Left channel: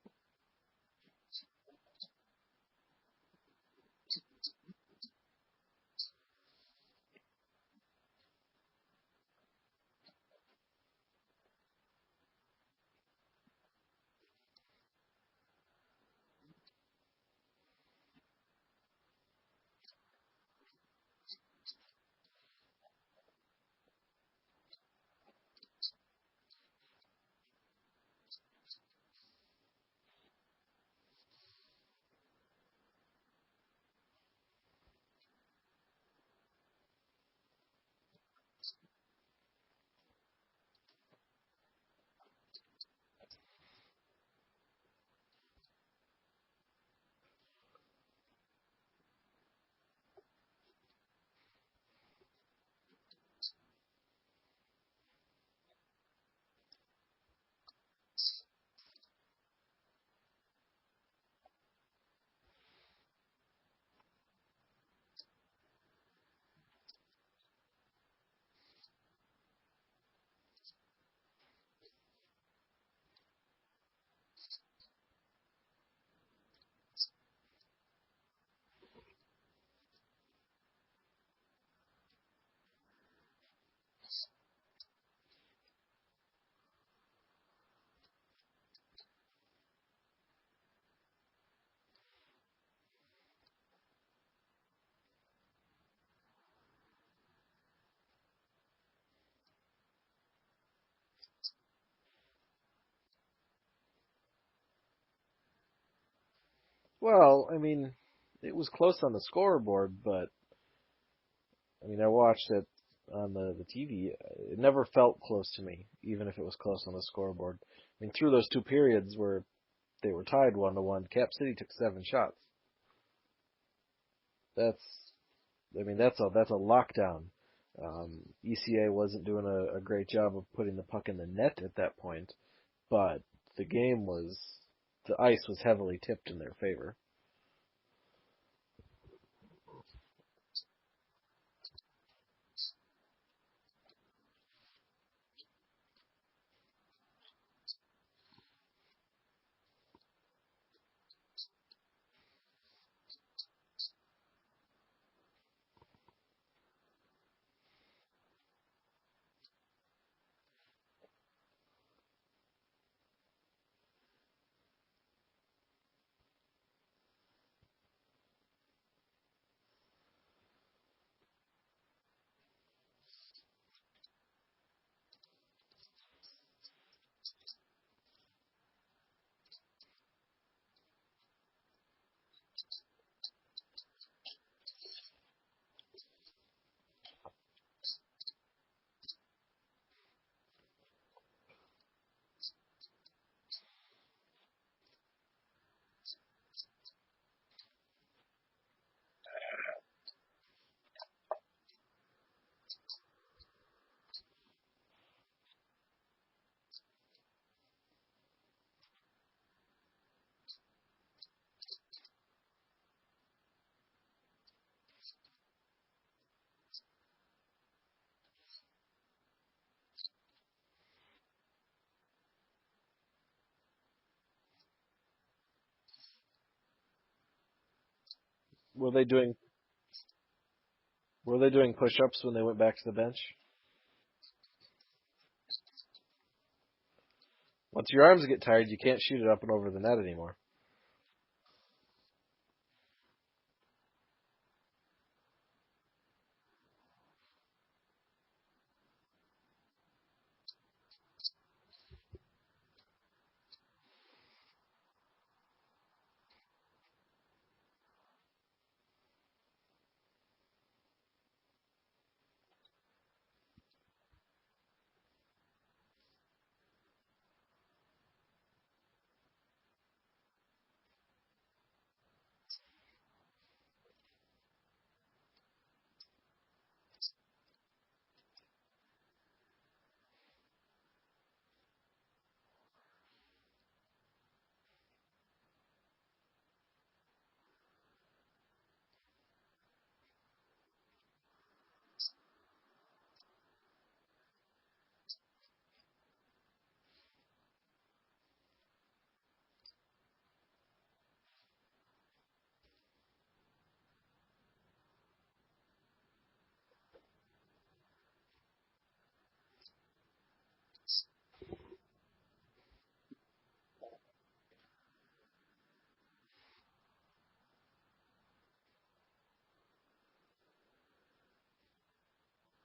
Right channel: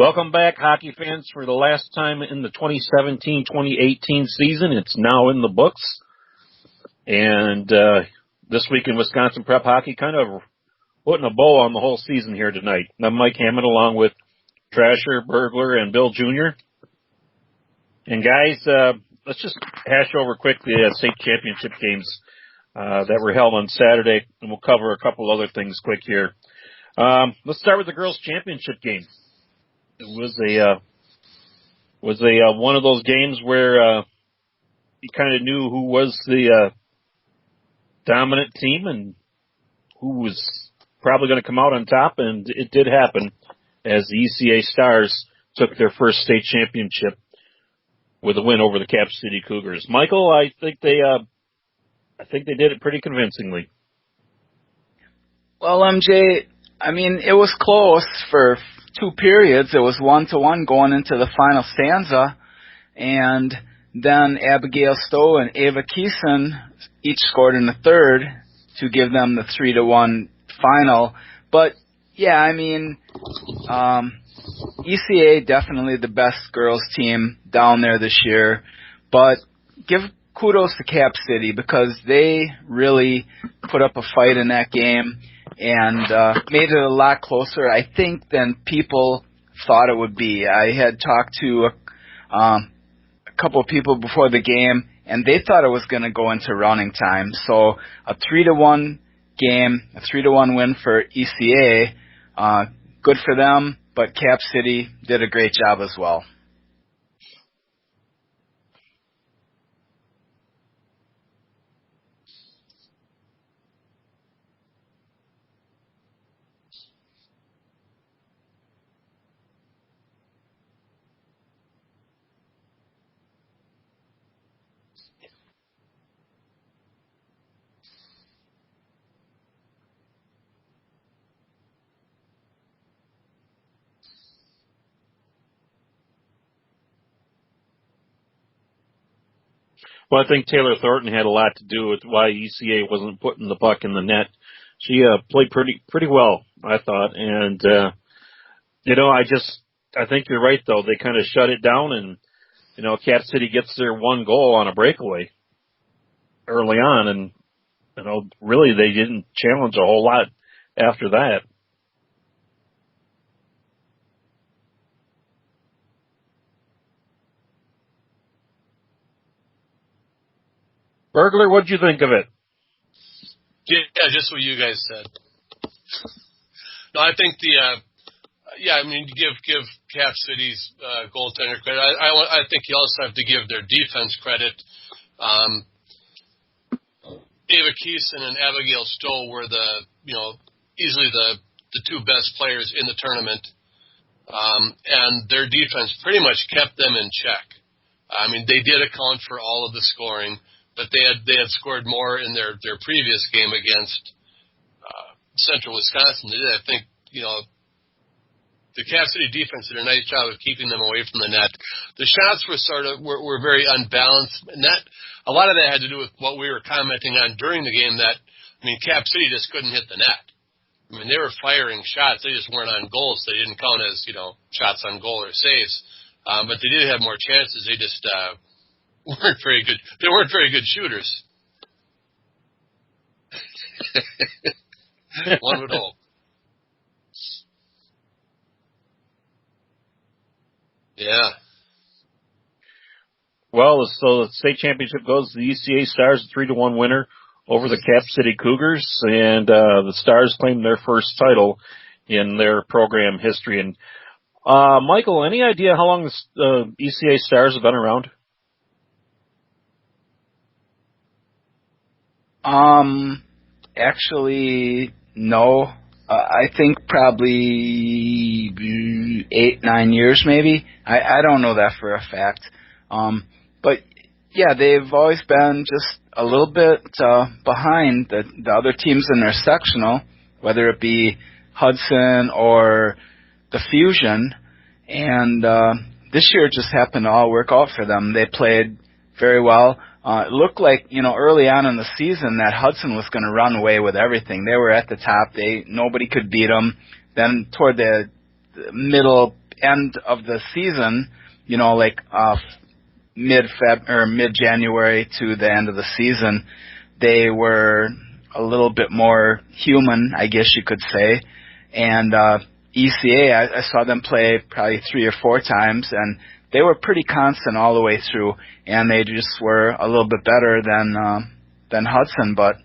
Welcome back, hockey fans, for the last time in the 2017-2018 season. It's now in the books. And this week in Wisconsin Prep Hockey, kind of putting a bow on the whole season here tonight. I'm Mike Hammond along with Trasher, Burglar, and Bill Jr. And guys, let's just hash over quickly the state championship games that were held on Saturday, and we'll cover a couple other things quick here. Let's start with the girls' championship game. It was a one of those games where you kind of knew who was the dominant team and who was probably going to come out on top, and it did happen as the ECA Stars took their first state championship with a win over the Cap City Cougars. Michael, I think they did it pretty convincingly. Well, MJ, I mean, it was close for 2 periods. It was 1-1 going into the final stanza, and then Abigail Stowe and Ava Keeson each scored in the third to give them the 3-1 final. But yeah, I mean, ECA definitely the best girls team down there this year, but give kudos to Cap City because they really put up a fight in that game and made it a lot closer, I think, than people thought it would be. I had talked to a couple of people before the game, and they thought it was going to go into running time. So a 3-1 game, a 3-1 win for ECA, good for them, but Cap City did a great job as well. Well, I mean, it was close on the scoreboard, but I mean, I watched it on the TV. It never felt close to me, even if it was close on the scoreboard. I mean, through those 2 periods where they were tied 1-1, Cap City took 7 shots. That's a lockdown. ECA wasn't doing a great job of putting the puck in the net at that point, but the ice was heavily tipped in their favor. Well, I think Taylor Thornton had a lot to do with why ECA wasn't putting the puck in the net. She played pretty well, I thought, and I think you're right though. They kind of shut it down, and Cap City gets their 1 goal on a breakaway early on, and really they didn't challenge a whole lot after that. Burglar, what'd you think of it? Yeah, just what you guys said. No, I think give Cap City's goaltender credit. I think you also have to give their defense credit. Ava Keeson and Abigail Stowe were easily the 2 best players in the tournament, and their defense pretty much kept them in check. I mean, they did account for all of the scoring, but they had scored more in their previous game against Central Wisconsin. I think the Cap City defense did a nice job of keeping them away from the net. The shots were very unbalanced, and a lot of that had to do with what we were commenting on during the game. Cap City just couldn't hit the net. I mean, they were firing shots; they just weren't on goals. They didn't count as shots on goal or saves, but they did have more chances. They just weren't very good. They weren't very good shooters. Were they doing push-ups when they went back to the bench? One would hope. Once your arms get tired, you can't shoot it up and over the net anymore. Yeah. Well, so the state championship goes to the ECA Stars, a 3-1 winner over the Cap City Cougars, and the Stars claimed their first title in their program history. And Michael, any idea how long the ECA Stars have been around? Actually, no. I think probably 8-9 years maybe. I don't know that for a fact. But yeah, they've always been just a little bit behind the other teams in their sectional, whether it be Hudson or the Fusion. And this year it just happened to all work out for them. They played very well. It looked like, early on in the season that Hudson was going to run away with everything. They were at the top. Nobody could beat them. Then toward the middle end of the season, like mid-January to the end of the season, they were a little bit more human, I guess you could say. And ECA, I saw them play probably 3 or 4 times, and they were pretty constant all the way through, and they just were a little bit better than Hudson. But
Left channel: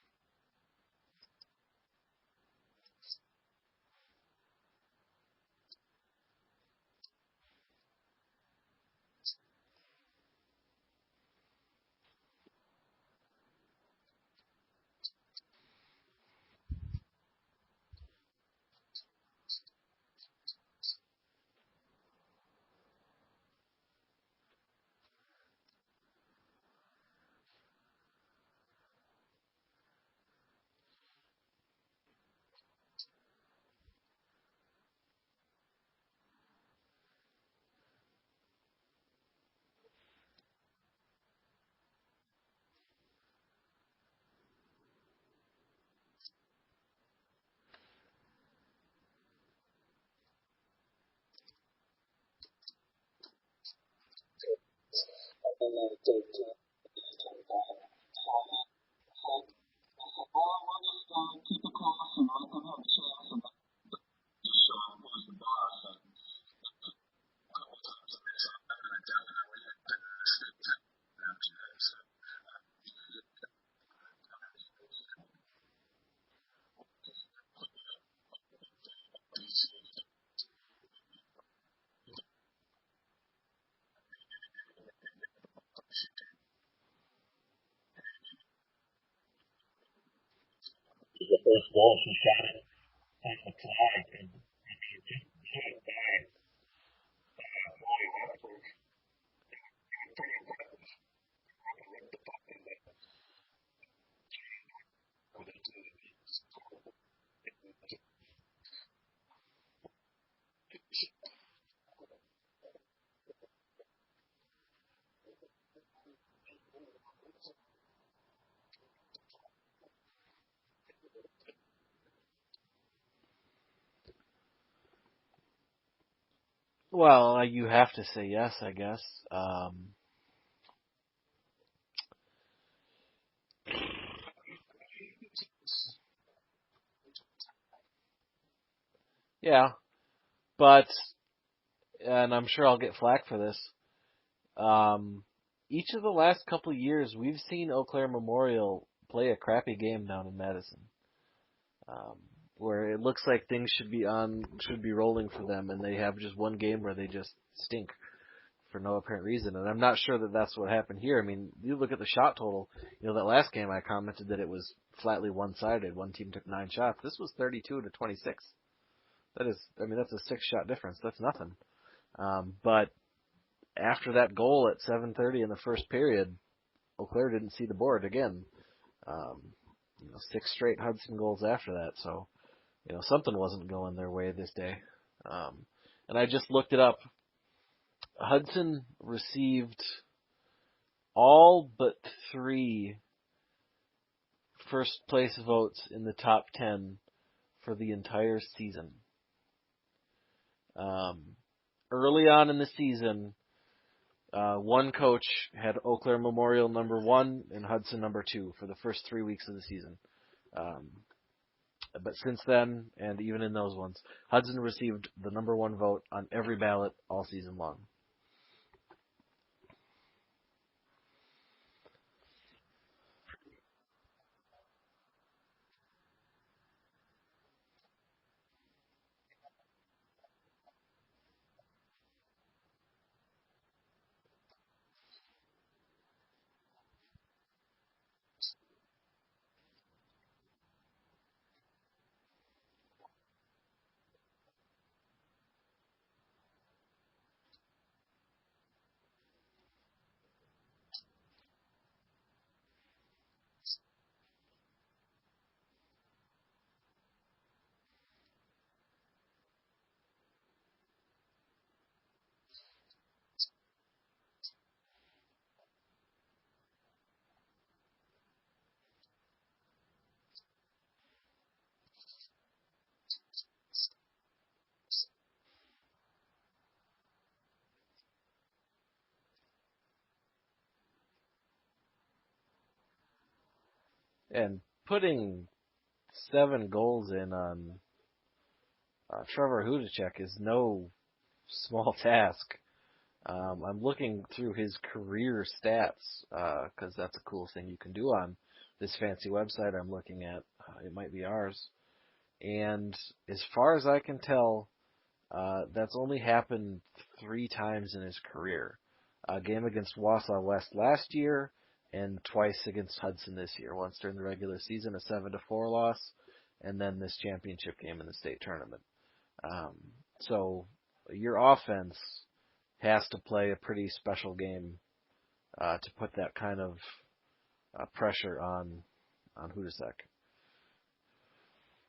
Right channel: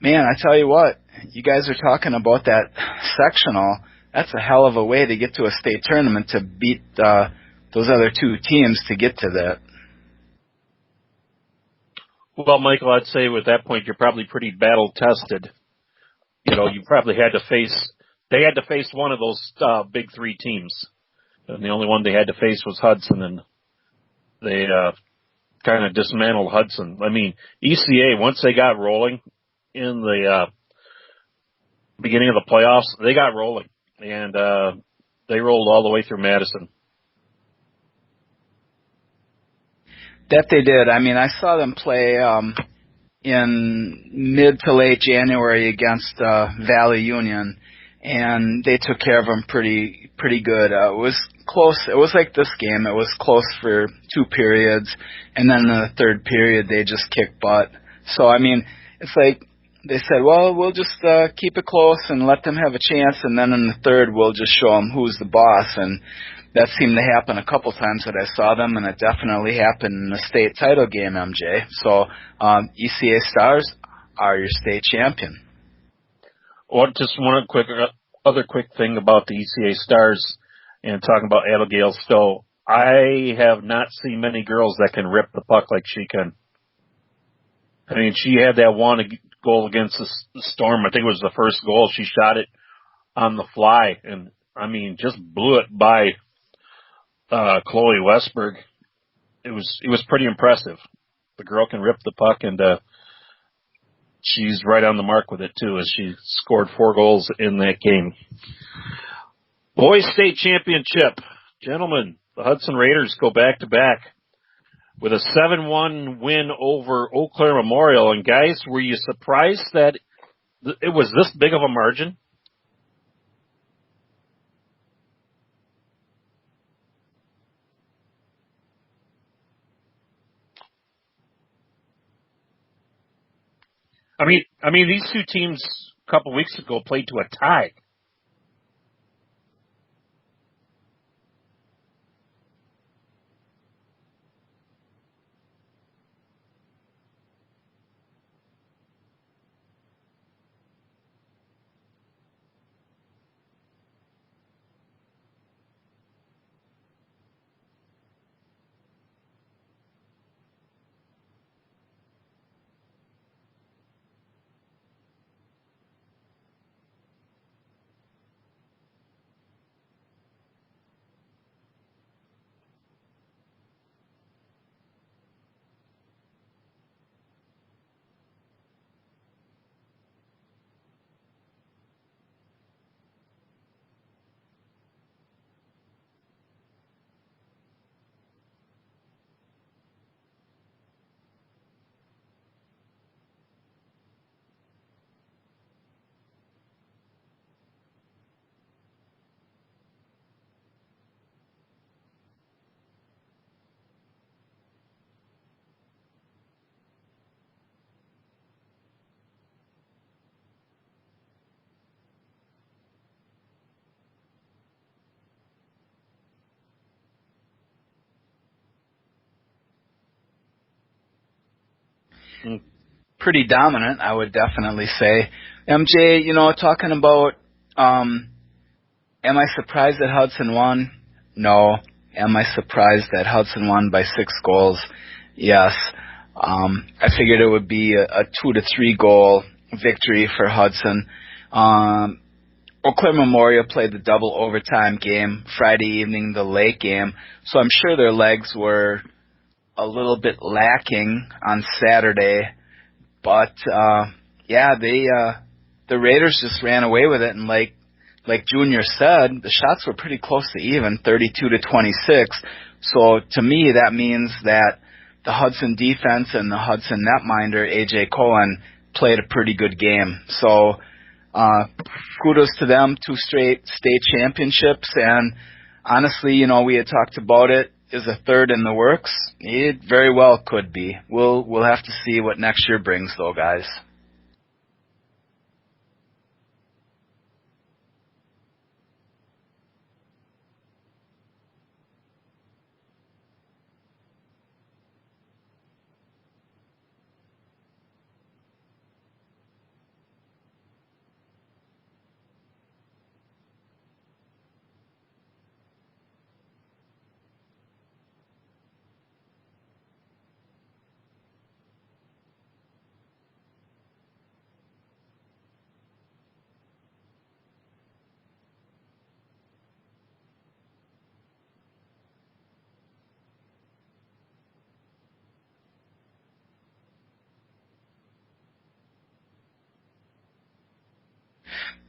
man, I tell you what, you guys are talking about that sectional. That's a hell of a way to get to a state tournament, to beat those other 2 teams to get to that. Well, Michael, I'd say at that point you're probably pretty battle tested. You probably they had to face one of those big 3 teams. And the only one they had to face was Hudson, and they kind of dismantled Hudson. I mean, ECA, once they got rolling in the beginning of the playoffs, they got rolling, and they rolled all the way through Madison. That they did. I mean, I saw them play in mid to late January against Valley Union, and they took care of them pretty good. It was close. It was like this game. It was close for 2 periods, and then in the 3rd period they just kicked butt. So, I mean, it's like they said, well, we'll just keep it close and let them have a chance, and then in the 3rd we'll just show them who's the boss. And that seemed to happen a couple times that I saw them, and it definitely happened in the state title game, MJ. So ECA Stars are your state champion. Well, just one other quick thing about the ECA Stars, and talking about Abigail Stowe. I have not seen many girls that can rip the puck like she can. I mean, she had that one goal against the Storm. I think it was the first goal. She shot it on the fly, and I mean, just blew it by Chloe Westberg. It was pretty impressive. The girl can rip the puck, and she's right on the mark with it too, as she scored 4 goals in that game. Boys State Championship. Gentlemen, the Hudson Raiders go back-to-back with a 7-1 win over Eau Claire Memorial. And guys, were you surprised that it was this big of a margin? Well, you have to say yes, I guess. I mean, these 2 teams a couple weeks ago played to a tie. Yeah, but, and I'm sure I'll get flack for this, each of the last couple of years we've seen Eau Claire Memorial play a crappy game down in Madison, where it looks like things should be rolling for them, and they have just one game where they just stink for no apparent reason. And I'm not sure that that's what happened here. I mean, you look at the shot total. That last game I commented that it was flatly one-sided. One team took 9 shots. This was 32-26. That's a 6-shot difference. That's nothing. But after that goal at 7:30 in the first period, Eau Claire didn't see the board again. 6 straight Hudson goals after that. So, something wasn't going their way this day. And I just looked it up. Hudson received all but 3 first place votes in the top 10 for the entire season. Early on in the season, one coach had Eau Claire Memorial number 1 and Hudson number 2 for the first 3 weeks of the season. But since then, and even in those ones, Hudson received the number 1 vote on every ballot all season long. Pretty dominant, I would definitely say. MJ, talking about, am I surprised that Hudson won? No. Am I surprised that Hudson won by 6 goals? Yes. I figured it would be a 2 to 3 goal victory for Hudson. Eau Claire Memorial played the double overtime game Friday evening, the late game, so I'm sure their legs were a little bit lacking on Saturday. But the Raiders just ran away with it, and like Junior said, the shots were pretty close to even, 32-26. So to me, that means that the Hudson defense and the Hudson netminder, AJ Cohen, played a pretty good game. So kudos to them, 2 straight state championships, and honestly, we had talked about it. Is a third in the works? It very well could be. We'll have to see what next year brings, though, guys. And putting 7 goals in on Trevor Hudacek is no small task. I'm looking through his career stats because that's a cool thing you can do on this fancy website I'm looking at. It might be ours. And as far as I can tell, that's only happened 3 times in his career. A game against Wausau West last year, and twice against Hudson this year. Once during the regular season, a 7-4 loss, and then this championship game in the state tournament. So your offense has to play a pretty special game to put that kind of pressure on Hudacek.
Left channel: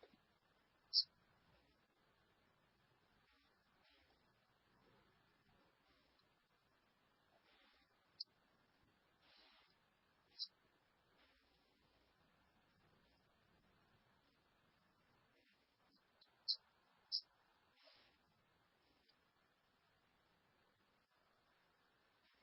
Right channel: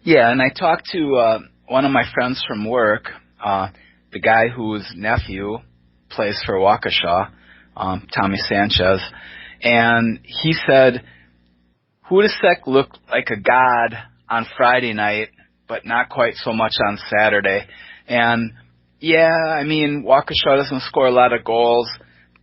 Yeah, and I talked to one of my friends from work, the guy whose nephew plays for Waukesha, Tommy Sanchez, and he said Hudacek looked like a god on Friday night, but not quite so much on Saturday. And yeah, Waukesha doesn't score a lot of goals,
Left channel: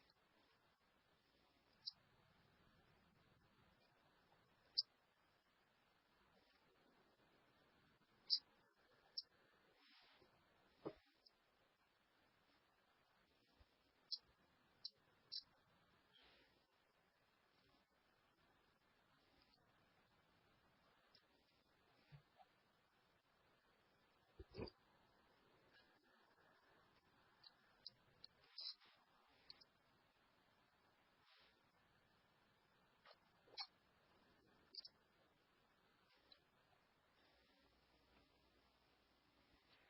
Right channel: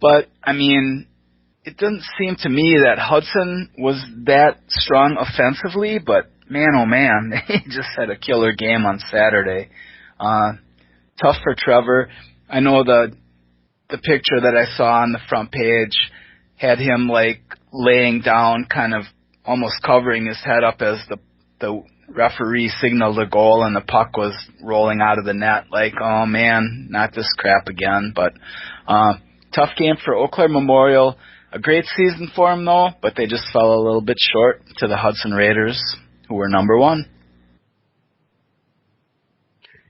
but it doesn't seem to me that Hudson was that strong offensively, but man, oh man, they just had a killer game on Saturday. Tough for Trevor. I know the picture that I saw on the front page had him like laying down, kind of almost covering his head up as the referee signaled a goal and the puck was rolling out of the net. Like, oh man, not this crap again. But tough game for Eau Claire Memorial. A great season for them though, but they just fell a little bit short to the Hudson Raiders, who were number 1.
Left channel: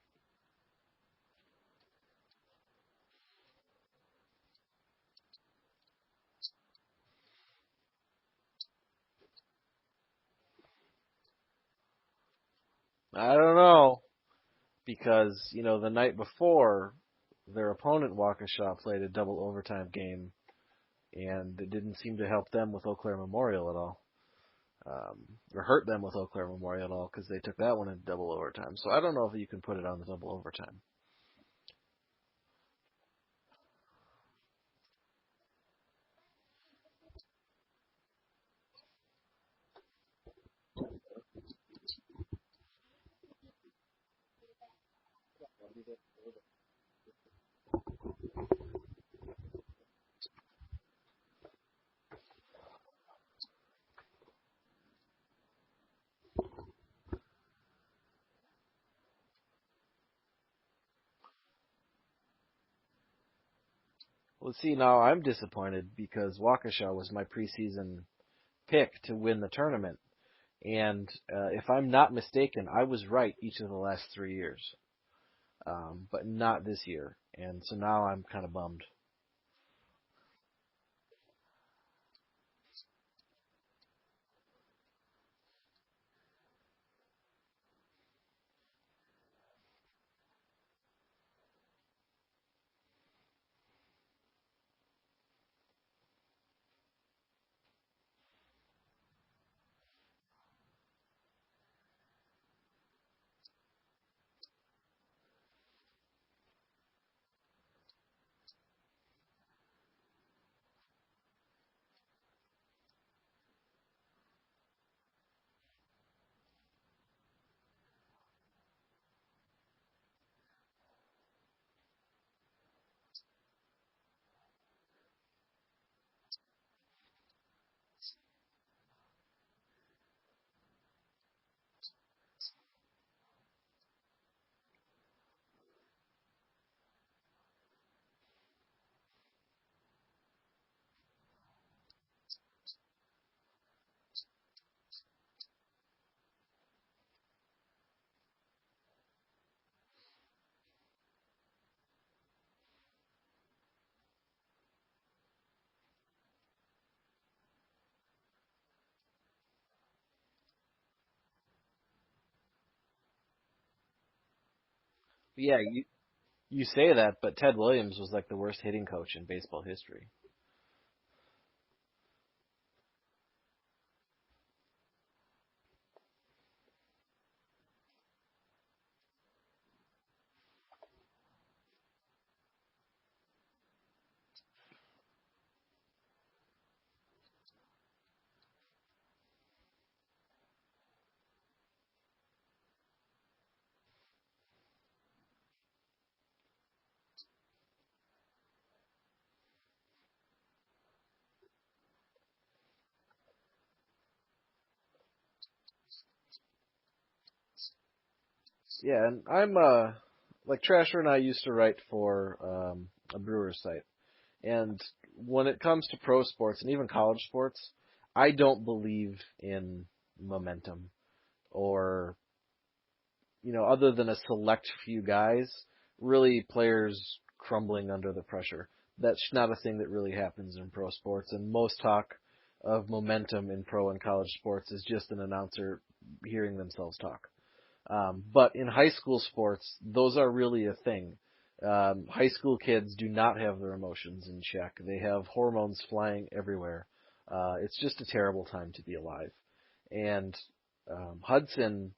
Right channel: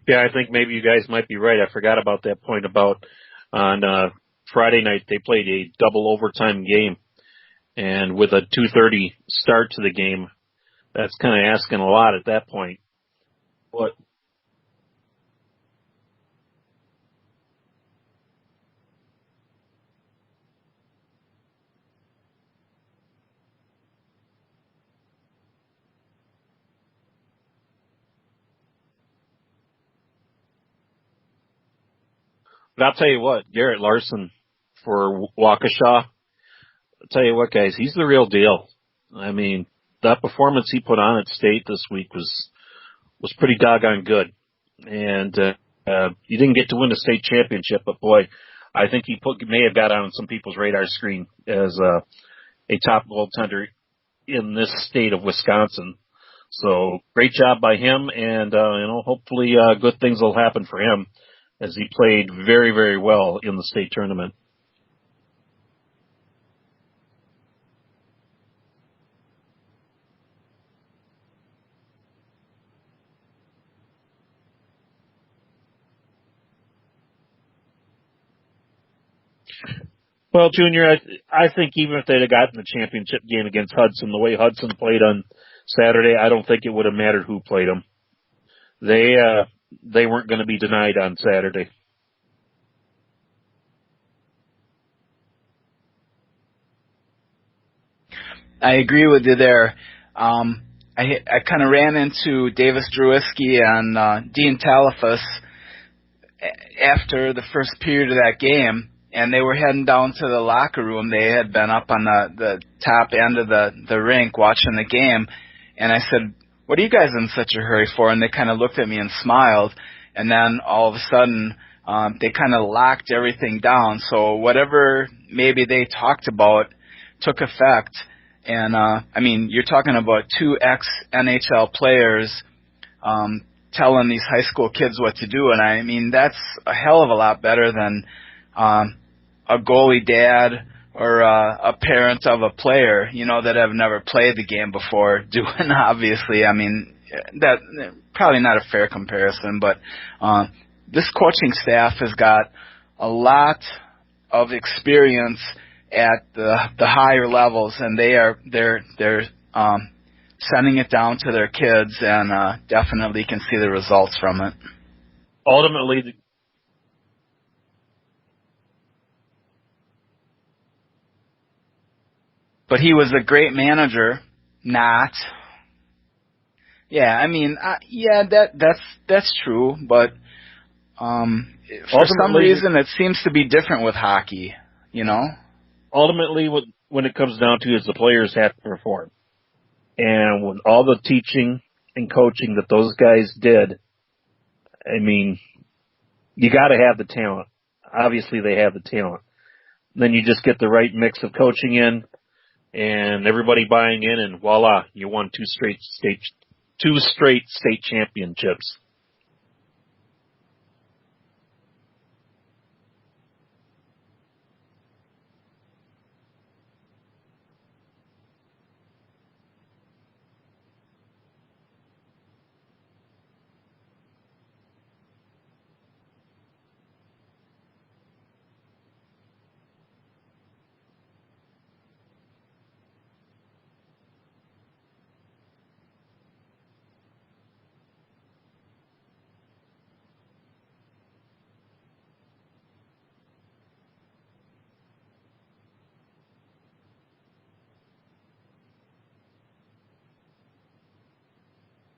Yeah, I think maybe you guys might be right. I forgot about that point about on Friday night they played a double overtime game, and with a 2:30 start to the game, that's kind of asking a lot at that point. I don't know, because the night before their opponent Waukesha played a double overtime game, and it didn't seem to help them with Eau Claire Memorial at all. Or hurt them with Eau Claire Memorial at all, because they took that one in double overtime. So I don't know if you can put it on the double overtime. But I'll tell you what, Garrett Larson for Waukesha, I'll tell you what, guys, he's the real deal. That performance he put on at state this week was pretty doggone good. And he didn't get to win the state championship, but boy, I think he may have got on some people's radar screen as a top goaltender in this state of Wisconsin. So great job by him, and hopefully good things will happen for him as he played very, very well in the state tournament. Well, see, now I'm disappointed because Waukesha was my preseason pick to win the tournament, and if I'm not mistaken, I was right each of the last 3 years, but not this year, and so now I'm kind of bummed. Well, Junior, I think even if they'd have gotten the championship game against Hudson, the way Hudson played on Saturday, I don't think it would have mattered who played them. They weren't going to be denied on Saturday. I agree with you there. I kind of ran into Davis Drewiski and Dean Talifas after the first period of that game, and they were heading down to the locker room. They had been up on the top end of the rink watching the game, and I said, "What are you guys in such a hurry for?" And they kind of looked at me and smiled, and then all of a sudden they kind of locked everything down. So whatever maybe they talked about took effect. And you're talking about 2 ex-NHL players telling these high school kids what to do, and that's a hell of a lot better than a goalie dad or a parent of a player, that have never played the game before doing. Obviously, that probably not a fair comparison, but this coaching staff has got a lot of experience at the higher levels, and they're sending it down to their kids, and definitely can see the results from it. Yeah, Ultimately, you say that, but Ted Williams was like the worst hitting coach in baseball history. But he was a great manager, not. Yeah, that's true, but for some ultimately, reason it seems to be different with hockey, you know? ultimately, when it comes down to it, is the players have to perform. And with all the teaching and coaching that those guys did, I mean, you got to have the talent. Obviously, they have the talent. Then you just get the right mix of coaching in, and everybody buying in, and voila, you won two straight state championships. Yeah, and I'm like Trasher and I used to write for a Brewers site, and when it comes to pro sports and even college sports, I don't believe in momentum or, other than a select few guys, really players crumbling under the pressure. That's not a thing that really happens in pro sports, and most talk of momentum in pro and college sports is just an announcer hearing themselves talk. But in high school sports, those are really a thing. High school kids do not have their emotions in check. They have hormones flying everywhere. It's just a terrible time to be alive. And Hudson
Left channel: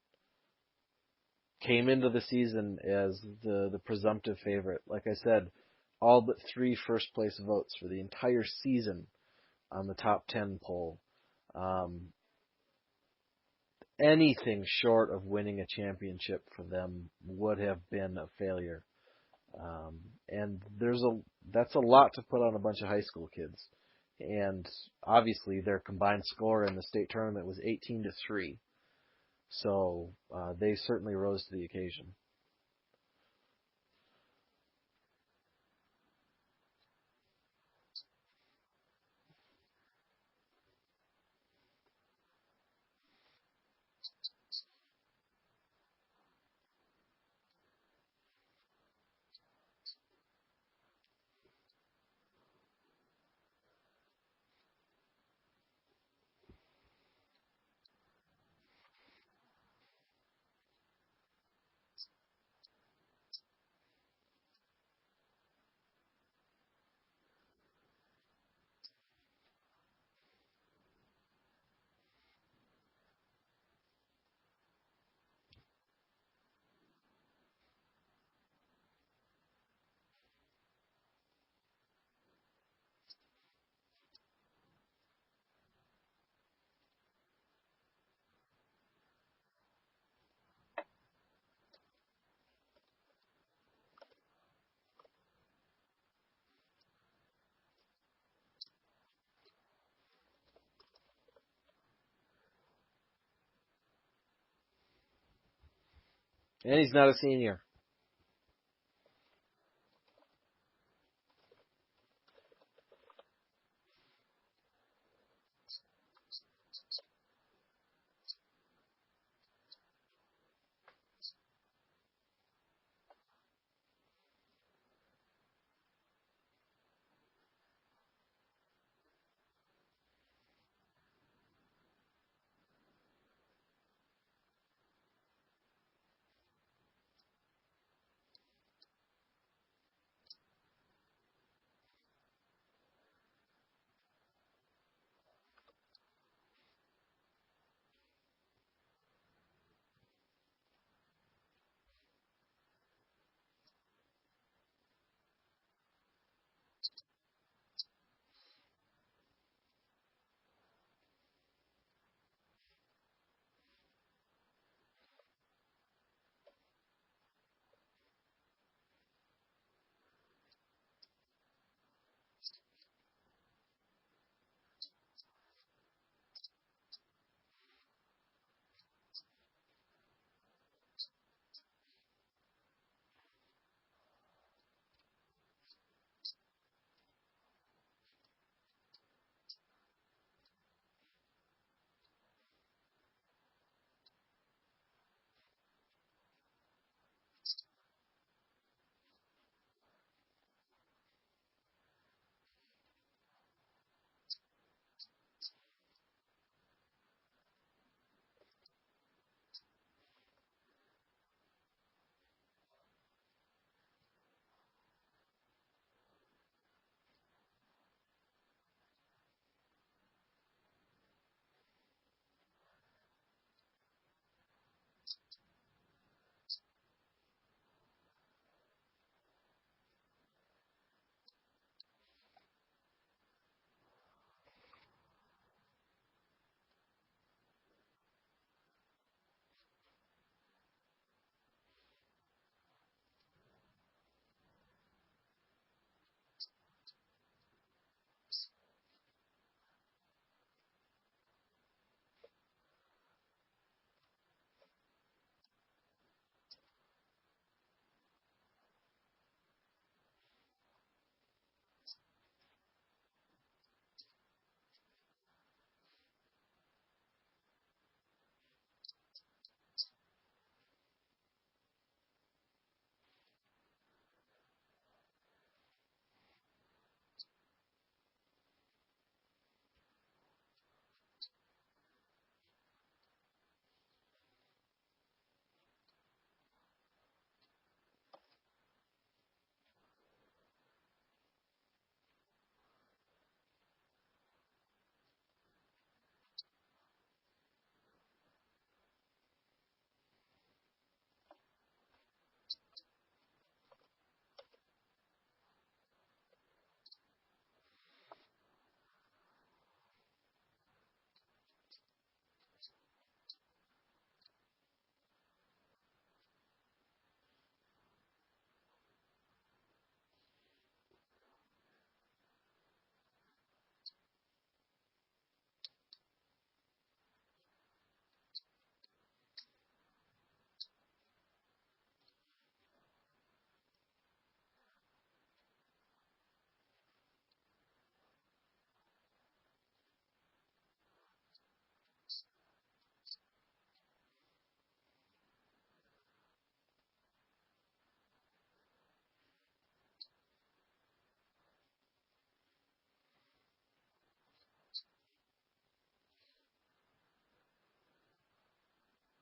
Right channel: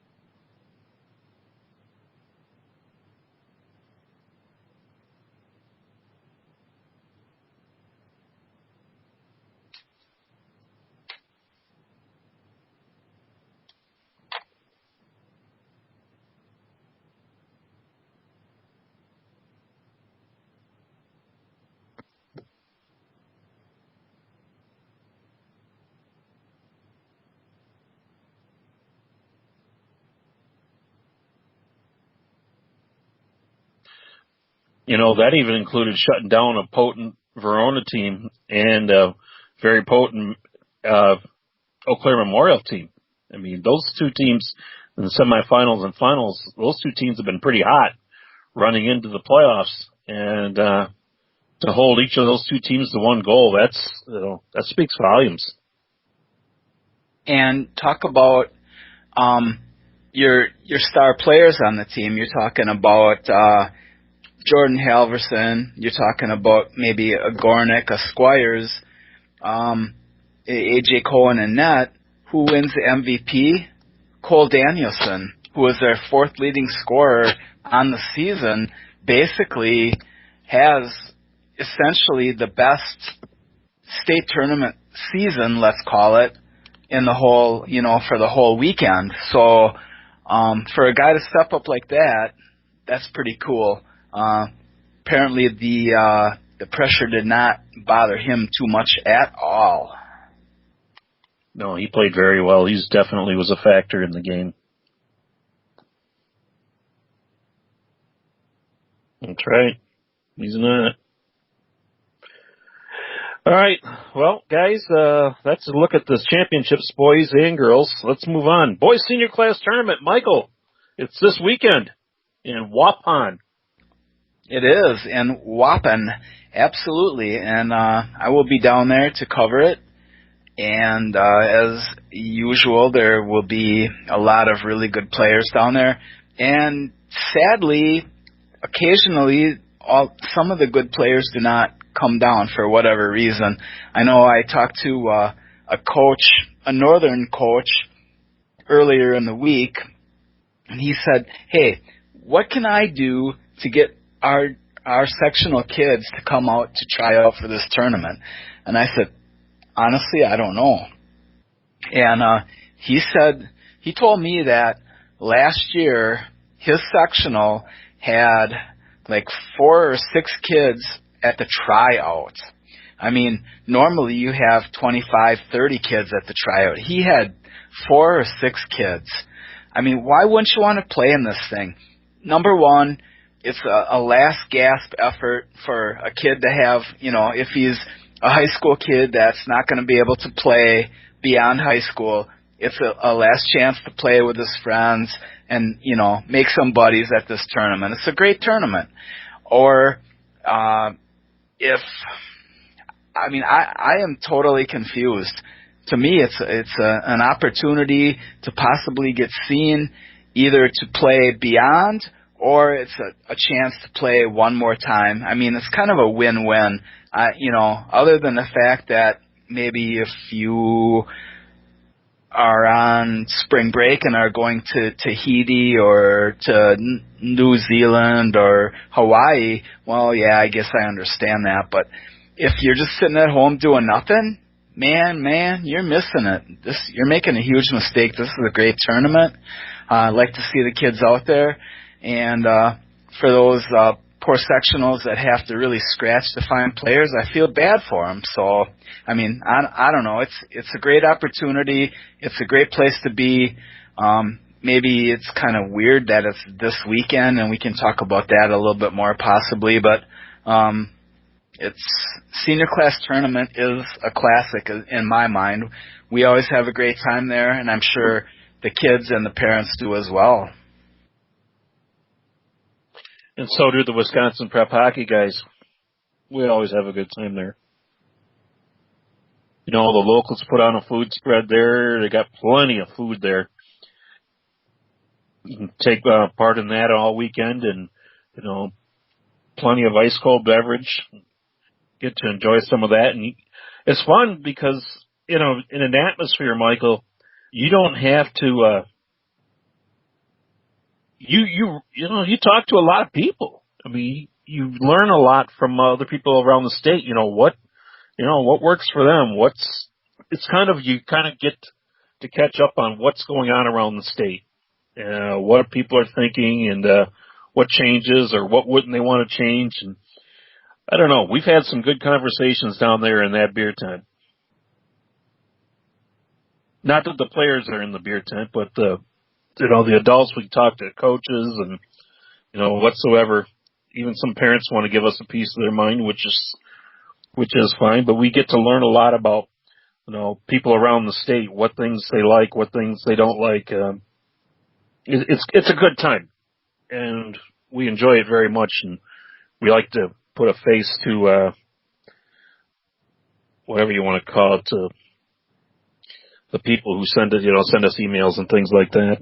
came into the season as the presumptive favorite. Like I said, all but 3 first-place votes for the entire season on the top 10 poll. Anything short of winning a championship for them would have been a failure. And that's a lot to put on a bunch of high school kids. And obviously their combined score in the state tournament was 18-3. So they certainly rose to the occasion. That even included shutting down a potent Verona team and a very potent Eau Claire Memorial team. I mean, those two teams in the semifinals and finals, those two teams have been pretty hot running into the playoffs. And to hold each of those two teams to one goal, that speaks volumes. And talk about your star players on the team. You're talking about Jordan Halverson. You're talking about maybe a Gornick, a Squires, A.J. Cohen and net. Who wins the MVP? Cole Danielson, who was their 4th leading scorer on the season, basically has essentially the best state tournament season, let's call it, in the whole, for the whole weekend. So for a guy to step up like that, that's pretty cool. Apparently the pressure did not bother him too much at all. No, he played very well. He definitely was a factor in the game. And he's not a senior. That's right. He's not. All right. Well, guys, that's a look at the championships, boys and girls. Let's move on. Boys senior class tournament. Michael, it's this weekend in Waupun. It is, in Waupun, absolutely. And I will be down there to cover it. And as usual, there will be a lot of really good players down there. And sadly, occasionally, some of the good players do not come down for whatever reason. I know I talked to a coach, a northern coach, earlier in the week, and he said, "Hey, what can I do to get our sectional kids to come out to try out for this tournament?" And I said, "Honestly, I don't know." And he told me that last year his sectional had like 4 or 6 kids at the tryout. I mean, normally you have 25, 30 kids at the tryout. He had 4 or 6 kids. I mean, why wouldn't you want to play in this thing? Number one, it's a last gasp effort for a kid to have, if he's a high school kid that's not going to be able to play beyond high school, it's a last chance to play with his friends and, make some buddies at this tournament. It's a great tournament. Or I am totally confused. To me, it's an opportunity to possibly get seen, either to play beyond or it's a chance to play one more time. I mean, it's kind of a win-win. Other than the fact that maybe if you are on spring break and are going to Tahiti or to New Zealand or Hawaii, well, yeah, I guess I understand that. But if you're just sitting at home doing nothing, man, you're missing it. You're making a huge mistake. This is a great tournament. I'd like to see the kids out there. And for those poor sectionals that have to really scratch to find players, I feel bad for them. So, I mean, I don't know. It's a great opportunity. It's a great place to be. Maybe it's kind of weird that it's this weekend, and we can talk about that a little bit more possibly. But it's senior class tournament is a classic in my mind. We always have a great time there, and I'm sure the kids and the parents do as well. And so do the Wisconsin prep hockey guys. We always have a good time there. You know, the locals put on a food spread there. They got plenty of food there. You can take part in that all weekend, and, you know, plenty of ice cold beverage. Get to enjoy some of that. And it's fun because, you know, in an atmosphere, Michael, you don't have to, you talk to a lot of people. I mean, you learn a lot from other people around the state. You know what works for them. You kind of get to catch up on what's going on around the state, what people are thinking, and what changes or what wouldn't they want to change. And I don't know. We've had some good conversations down there in that beer tent. Not that the players are in the beer tent, but the adults, we talk to coaches and, you know, whatsoever. Even some parents want to give us a piece of their mind, which is fine. But we get to learn a lot about, you know, people around the state, what things they like, what things they don't like. It's a good time, and we enjoy it very much. And we like to put a face to whatever you want to call it, to the people who send us emails and things like that.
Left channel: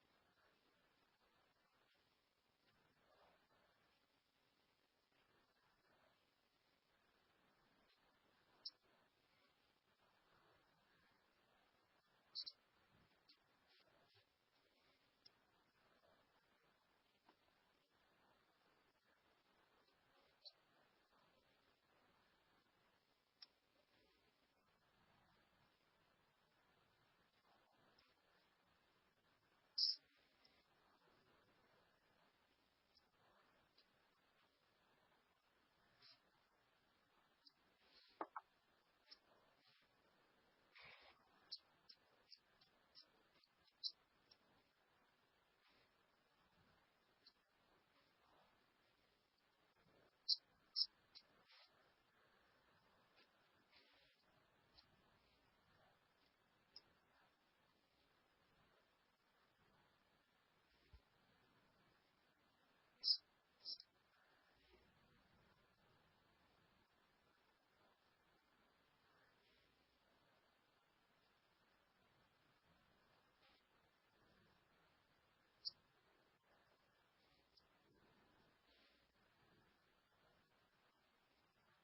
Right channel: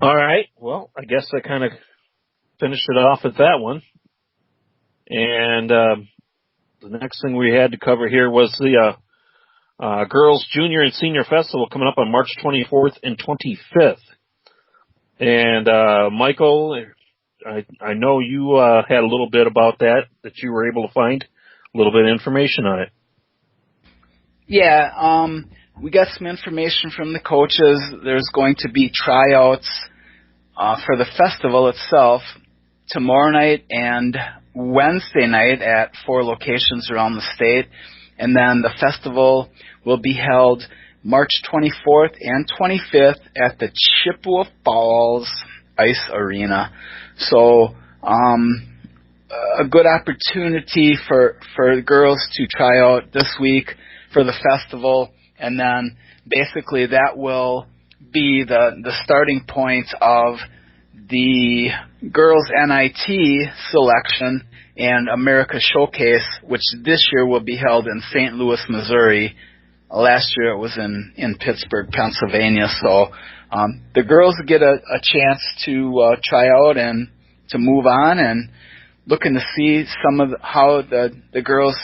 All right. Well, I guess I kind of finished it off at that one. And the next thing we had to cover here was the Girls Junior and Senior Festival coming up on March 24th and 25th. And Michael, I know you had a little bit about that you were able to find, a little bit of information on it. Yeah, we got some information from the coaches. There's going to be tryouts for the festival itself tomorrow night and Wednesday night at 4 locations around the state. And then the festival will be held March 24th and 25th at the Chippewa Falls Ice Arena. So a good opportunity for girls to try out this week for the festival, and then basically that will be the starting point of the girls NIT selection and America Showcase, which this year will be held in St. Louis, Missouri. Last year it was in Pittsburgh, Pennsylvania. So the girls get a chance to try out and to move on, and looking to see some of how the girls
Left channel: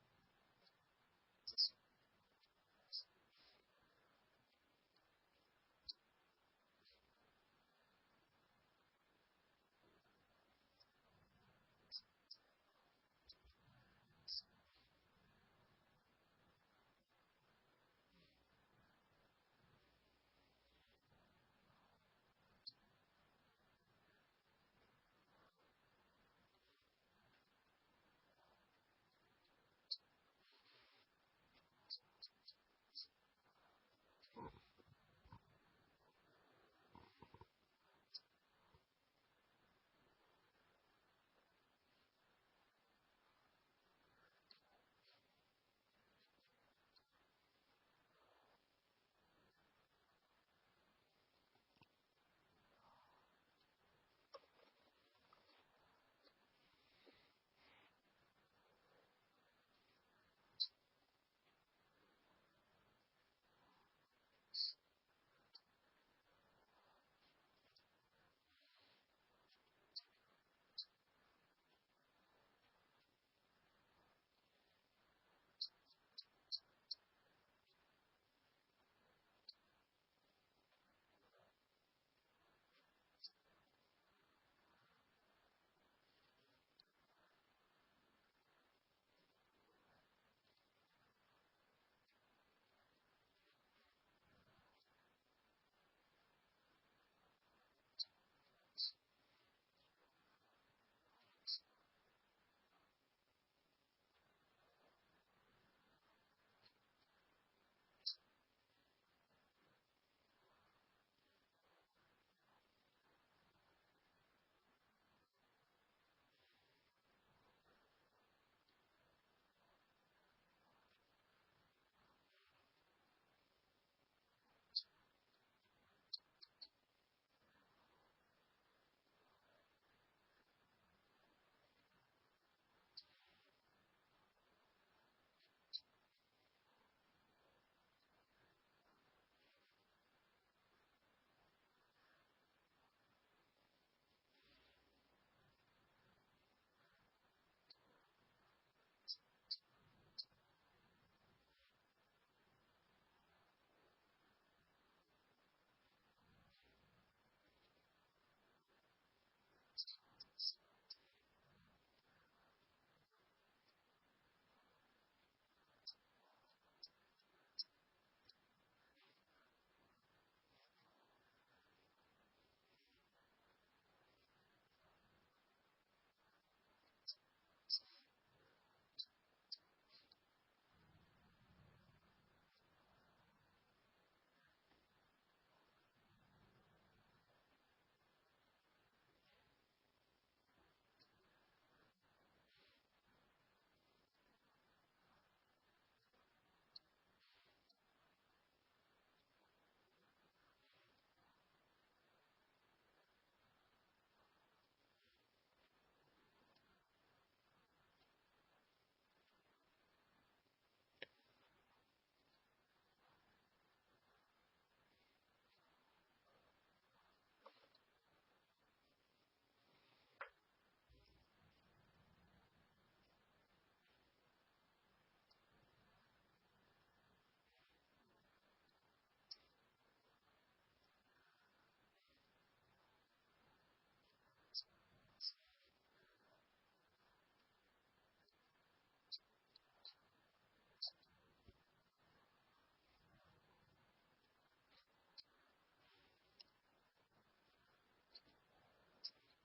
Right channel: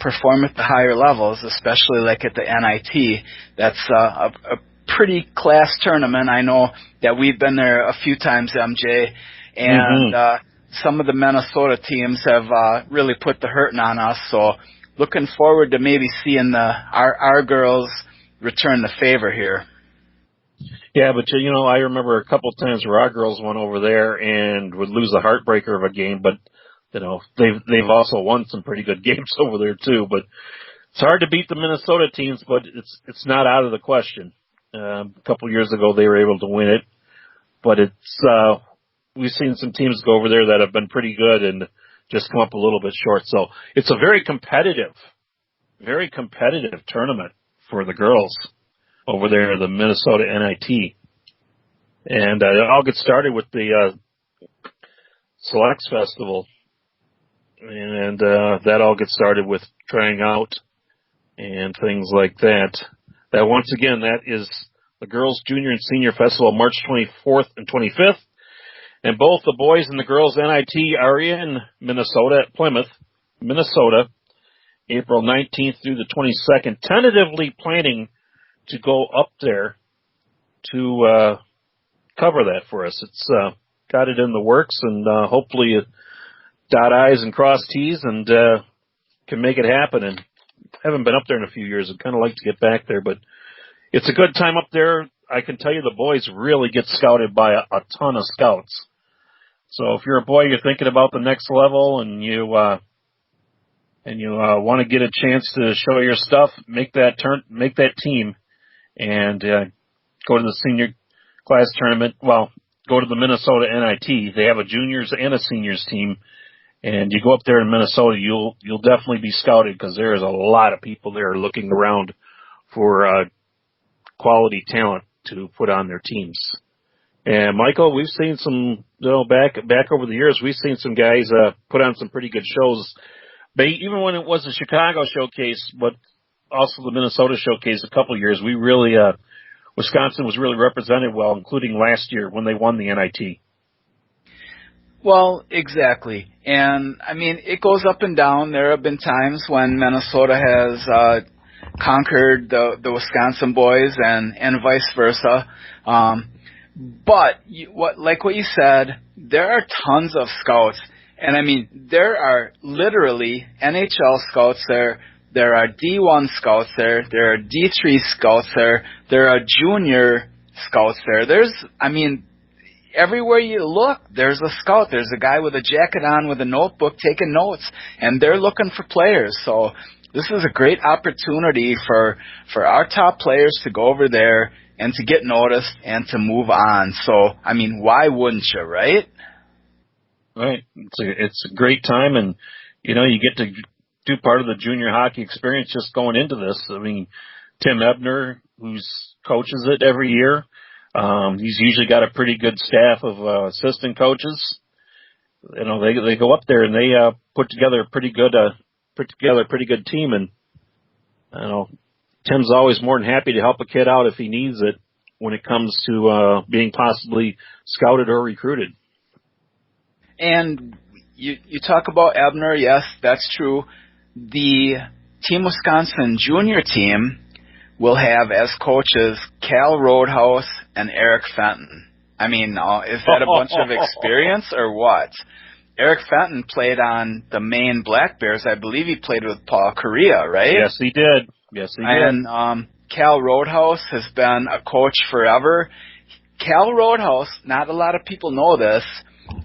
perform at the higher levels, especially like at the NIT. That's a pretty class tournament. I know that we've been there a few times, MJ, and some of the Minnesota teams have really put the hurting on us. So looking forward to maybe seeing our girls return the favor here. Yeah, but you know, I remember a couple of times where our girls went over there and would lose a heartbreaker of a game, but you know, they've also won some pretty good games over there too. But it's hard to beat the Minnesota teams, but it's not out of the question. A couple of years ago they were able to win it, but we've seen some teams go over there that have been pretty good and just come up a little bit short. So it's a very competitive tournament for the girls over there, the Minnesota NIT. And I'll get started with the Selects Festival. And that all gets started with trying out and things like that. That once again, that is the Girls Junior and Senior Festival, March 24th and 25th. And both the boys and the girls NIT are in Minnesota at Plymouth, Minnesota, April 19th through the 22nd, tentatively planning to go up there to cover that for us. It's got it in the works, and hopefully dot I's and cross T's and can make it happen. And haven't been up there in a few years. I'd kind of like to get back there, but it's a good time up there. I can tell you the boys really get scouted by a ton of scouts. So if you're a boy, you're thinking about the next level, and you want to get a chance to show your stuff, make that team, and go to the senior class tournament. Well, go to the Minnesota NIT. They have a juniors and a seniors team, and you go up there in Minnesota, you'll definitely be scouted because there is a lot of people there looking around for quality talent to put on their teams. And Michael, we've seen some, back over the years, we've seen some guys put on some pretty good shows. Even when it was the Chicago showcase, but also the Minnesota showcase a couple of years, we really Wisconsin was really represented well, including last year when they won the NIT. Well, exactly. And, I mean, it goes up and down. There have been times when Minnesota has conquered the Wisconsin boys and vice versa. But like what you said, there are tons of scouts. And, I mean, there are literally NHL scouts there. There are D1 scouts there. There are D3 scouts there. There are junior scouts there. Everywhere you look, there's a scout. There's a guy with a jacket on with a notebook taking notes, and they're looking for players. So this is a great opportunity for our top players to go over there and to get noticed and to move on. So, I mean, why wouldn't you, right? Right. It's a great time, and, you get to do part of the junior hockey experience just going into this. I mean, Tim Ebner, who coaches it every year, he's usually got a pretty good staff of assistant coaches. They go up there and they put together a pretty good team. And Tim's always more than happy to help a kid out if he needs it when it comes to being possibly scouted or recruited. And you talk about Ebner, yes, that's true. The Team Wisconsin junior team will have as coaches Cal Roadhouse and Eric Fenton. I mean, is that a bunch of experience or what? Eric Fenton played on the Maine Black Bears. I believe he played with Paul Correa, right? Yes, he did. And Cal Roadhouse has been a coach forever. Cal Roadhouse, not a lot of people know this,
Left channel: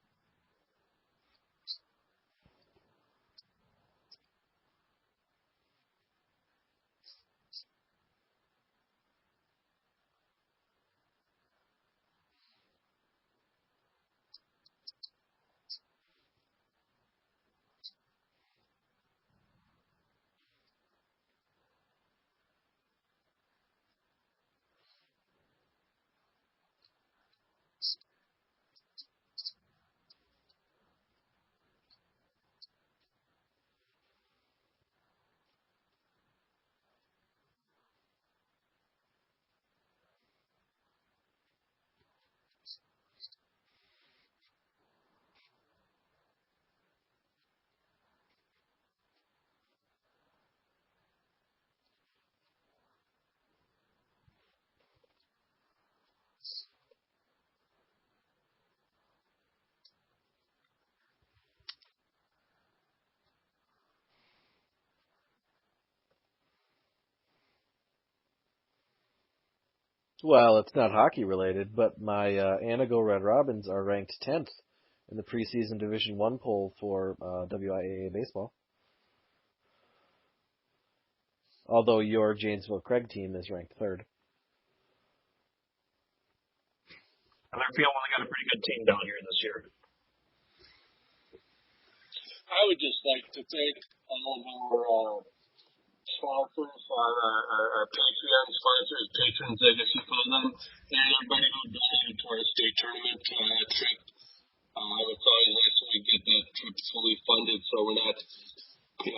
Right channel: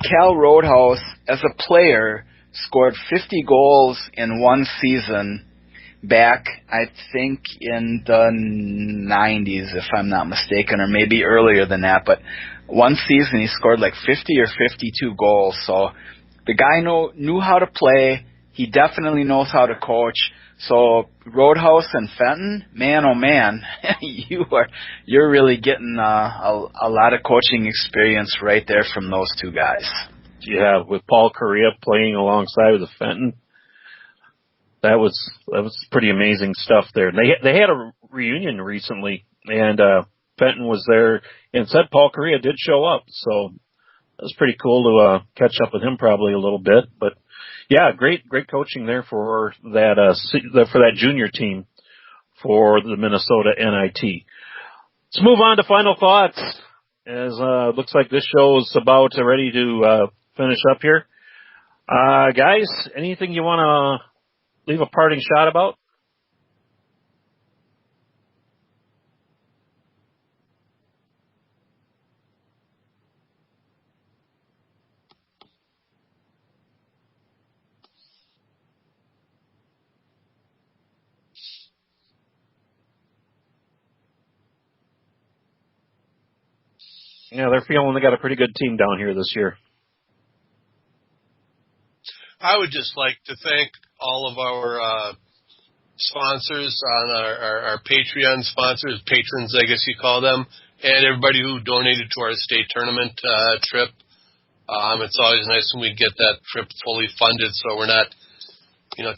Cal Roadhouse, as a player, scored 50 goals in one season back, I think, in the 90s, if I'm not mistaken, or maybe earlier than that. But one season he scored like 50 or 52 goals. So the guy knew how to play. He definitely knows how to coach. So Roadhouse and Fenton, man, oh man, you're really getting a lot of coaching experience right there from those two guys. Yeah, with Paul Correa playing alongside with Fenton, that was pretty amazing stuff there. They had a reunion recently, and Fenton was there, and said Paul Correa did show up, so it was pretty cool to catch up with him probably a little bit. But yeah, great coaching there for that junior team for the Minnesota NIT. Let's move on to final thoughts, as looks like this show is about ready to finish up here. Guys, anything you want to leave a parting shot about? Well, it's not hockey related, but my Anago Red Robins are ranked 10th in the preseason Division I poll for WIAA baseball. Although your Janesville Craig team is ranked 3rd. Yeah, they're feeling they got a pretty good team down here this year. I would just like to thank all of our sponsors, our Patreon sponsors, patrons, I guess you call them, and everybody who donated to our state tournament trip. It's always nice when we get that trip fully funded, so we're not,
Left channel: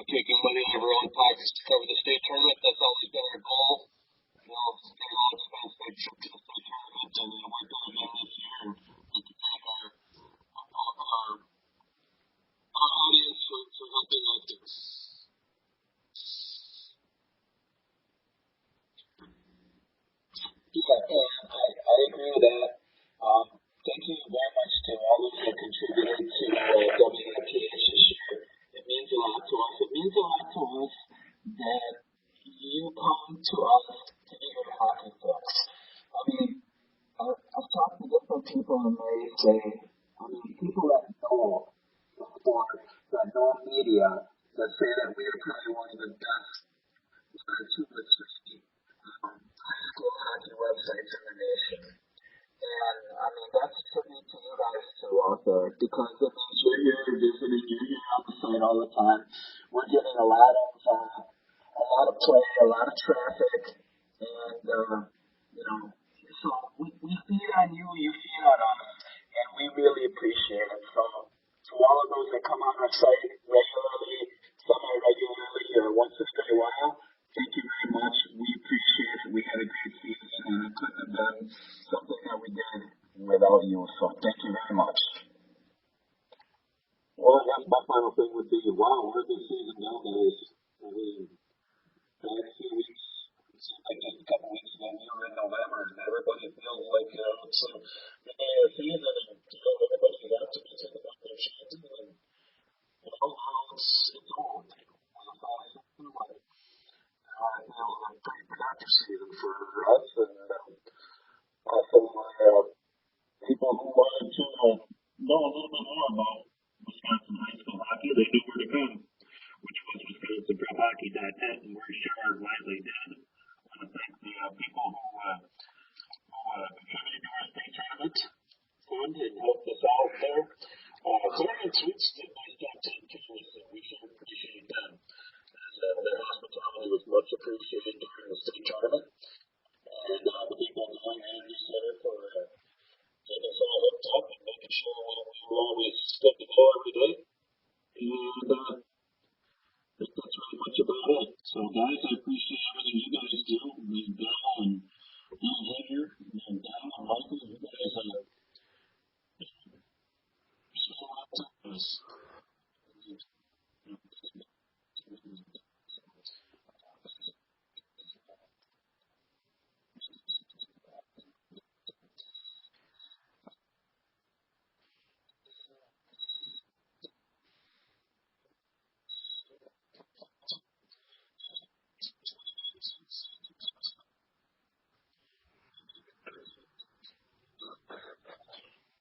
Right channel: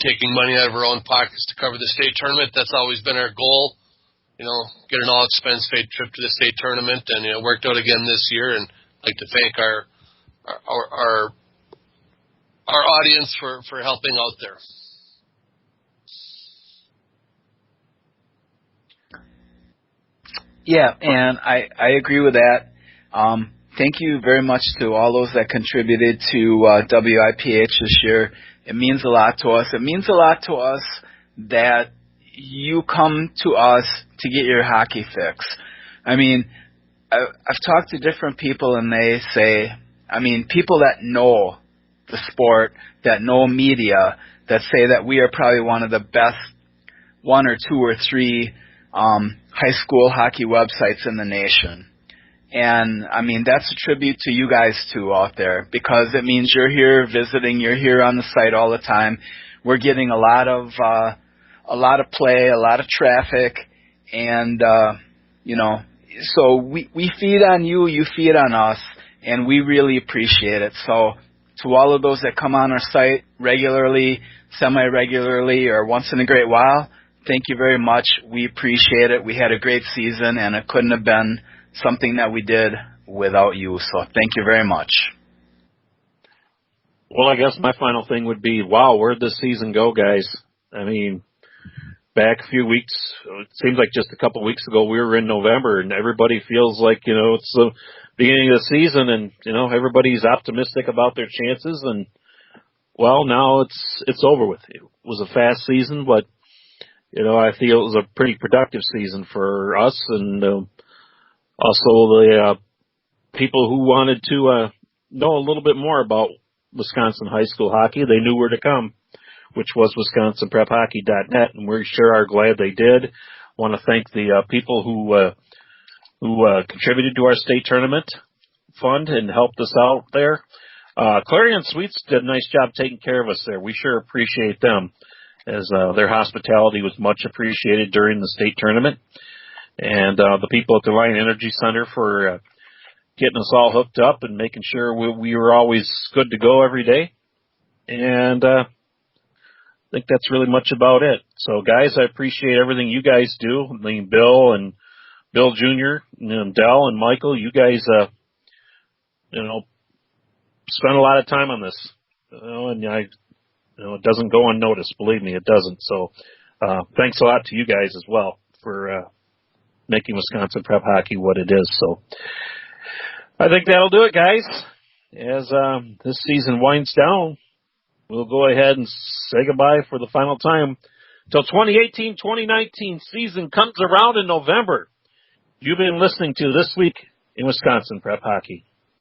taking money out of our own pockets to cover the state tournament. That's always been our goal. Get an all-expense paid trip to the state tournament, and it worked out again this year. And I'd like to thank our our our audience for helping out there. Yeah, and I agree with that. Thank you very much to all those that contributed to WIPH this year. It means a lot to us. It means a lot to us that you come to us to get your hockey fix. I mean, I've talked to different people, and they say, I mean, people that know the sport, that know media, that say that we are probably one of the best one or two or three high school hockey websites in the nation. And, I mean, that's a tribute to you guys, too, out there, because it means you're here visiting, you're here on the site all the time. We're getting a lot of play, a lot of traffic, and, you know, so we feed on you, you feed on us, and we really appreciate it. So to all of those that come on our site regularly, semi-regularly, or once in a great while, thank you very much. We appreciate it. We had a great season, and it couldn't have been something that we did without you. So thank you very much. Well, I guess my final thing would be, wow, where'd this season go, guys? I mean, back a few weeks, it seems like just a couple of weeks ago, we were in November, and everybody feels like, you know, it's the beginning of the season, and, you know, everybody's optimistic about their chances, and, well, now it's over with. It was a fast season, but, you know, I feel it was a pretty productive season for us, and also the people who wanted to know a little bit more about Wisconsin high school hockey. They knew where to come, which was WisconsinPrepHockey.net, and we sure are glad they did. Want to thank the people who contributed to our state tournament fund and helped us out there. Clarion Suites did a nice job taking care of us there. We sure appreciate them, as their hospitality was much appreciated during the state tournament. And the people at the Lion Energy Center for getting us all hooked up and making sure we were always good to go every day. And I think that's really much about it. So, guys, I appreciate everything you guys do. I mean, Bill Jr., and Dell and Michael, you guys, you know, spend a lot of time on this. You know, and it doesn't go unnoticed. Believe me, it doesn't. So, thanks a lot to you guys as well for making Wisconsin Prep Hockey what it is. So I think that'll do it, guys. As this season winds down, we'll go ahead and say goodbye for the final time till 2018-2019 season comes around in November. You've been listening to This Week in Wisconsin Prep Hockey.